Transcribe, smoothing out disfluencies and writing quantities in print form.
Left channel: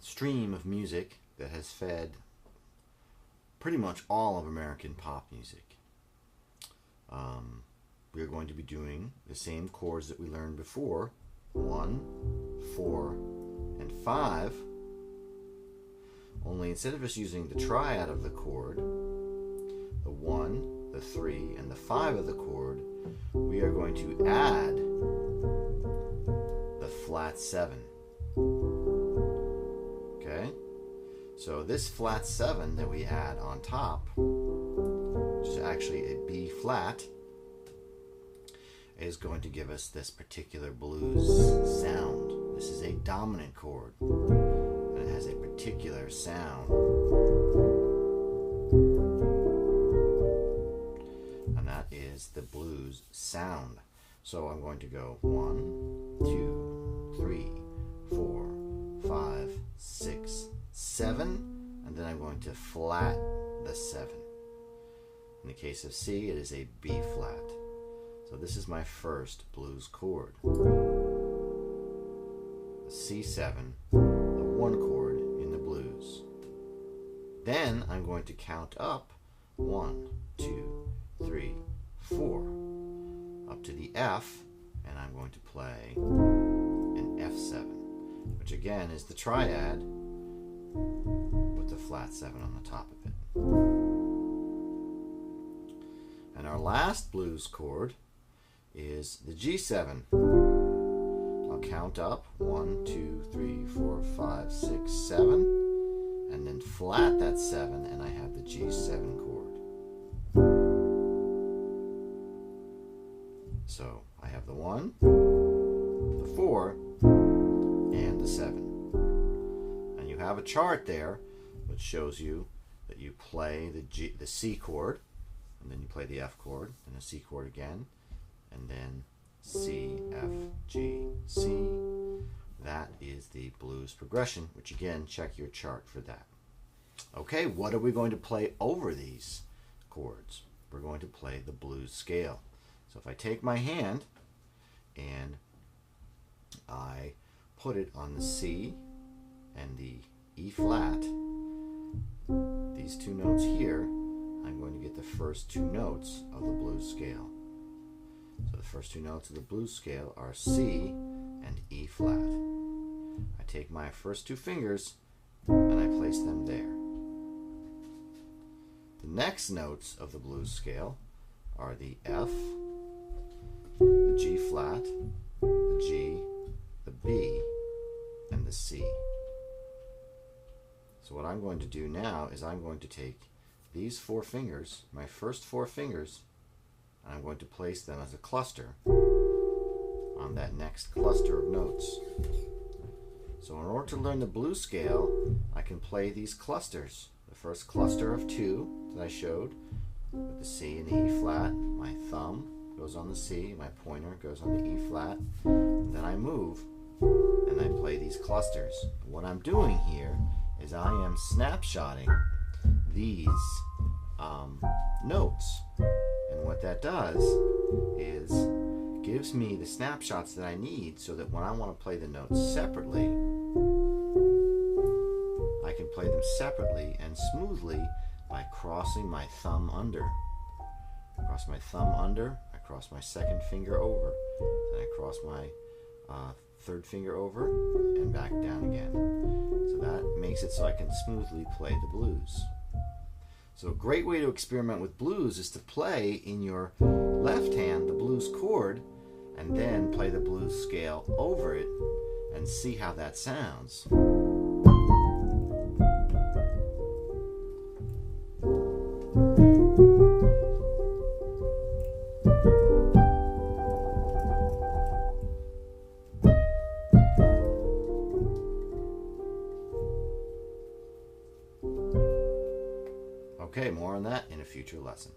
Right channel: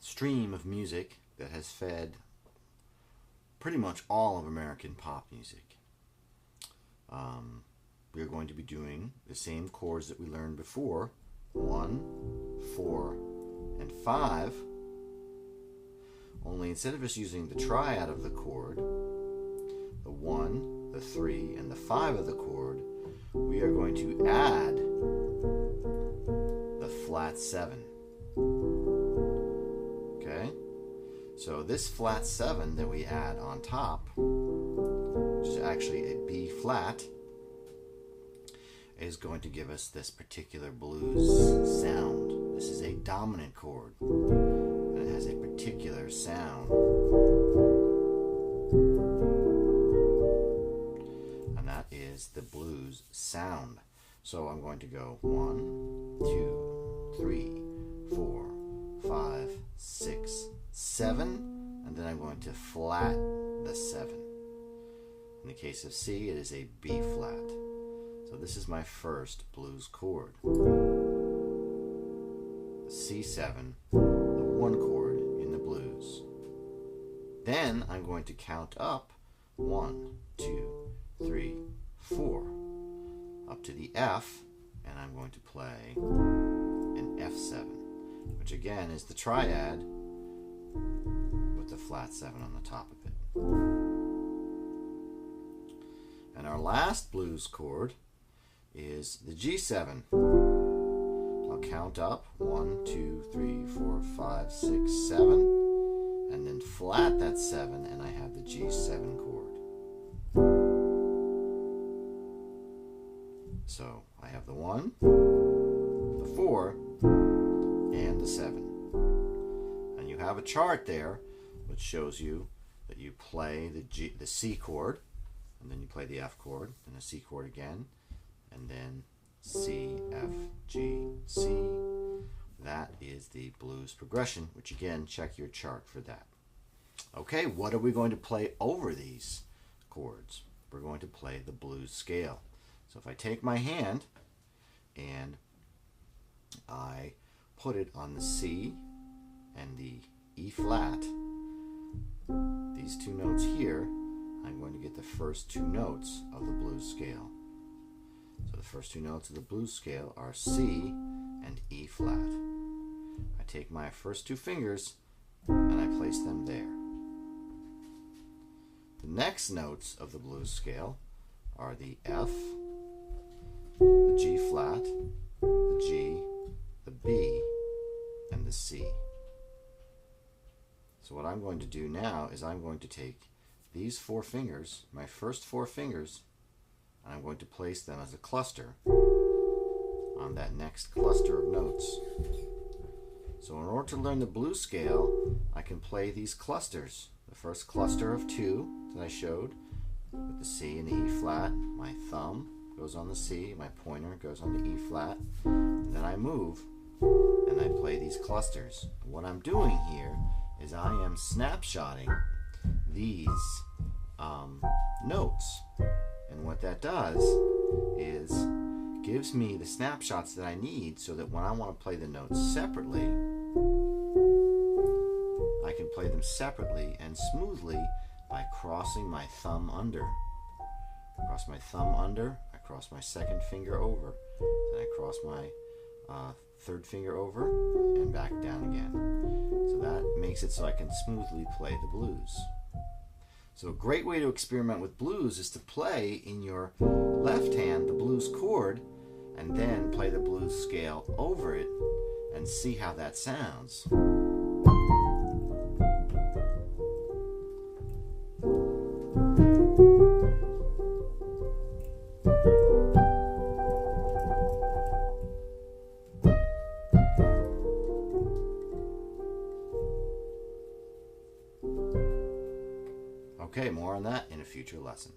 stream of music that has fed pretty much all of American pop music. We are going to be doing the same chords that we learned before, 1, 4, and 5, only instead of just using the triad of the chord, the 1, the 3, and the 5 of the chord, we are going to add the flat 7. Okay? So this flat 7 that we add on top, which is actually a B flat, is going to give us this particular blues sound. This is a dominant chord, and it has a particular sound. And that is the blues sound. So I'm going to go 1, 2, 3, 4, 5, 6, 7, and then I'm going to flat the 7. In the case of C, it is a B flat. So this is my first blues chord. The C7, the 1 chord in the blues. Then I'm going to count up 1, 2, 3, 4, up to the F, and I'm going to play an F7, which again is the triad with the flat 7 on the top of it. And our last blues chord is the G7. I'll count up 1, 2, 3, 4, 5, 6, 7, and then flat that 7, and I have the G7 chord. So I have the 1, the 4, and the 7. And you have a chart there which shows you that you play the C chord, and then you play the F chord, and the C chord again, and then C, F, G, C. That is the blues progression, which again, check your chart for that. Okay, what are we going to play over these chords? We're going to play the blues scale. So if I take my hand and I put it on the C and the E flat, these two notes here, I'm going to get the first two notes of the blues scale. So the first two notes of the blues scale are C and E flat. I take my first two fingers and I place them there. The next notes of the blues scale are the F, the G flat, the G, the B, and the C. So what I'm going to do now is I'm going to take these 4 fingers, my first 4 fingers, and I'm going to place them as a cluster on that next cluster of notes. So in order to learn the blues scale, I can play these clusters. The first cluster of 2 that I showed with the C and the E flat, my thumb goes on the C, my pointer goes on the E flat, and then I move and I play these clusters. What I'm doing here is I am snapshotting these notes, and what that does is gives me the snapshots that I need so that when I want to play the notes separately, I can play them separately and smoothly by crossing my thumb under. I cross my thumb under, I cross my second finger over, then I cross my third finger over and back down again. So that makes it so I can smoothly play the blues. So a great way to experiment with blues is to play in your left hand the blues chord and then play the blues scale over it and see how that sounds. Okay, more on that in a future lesson.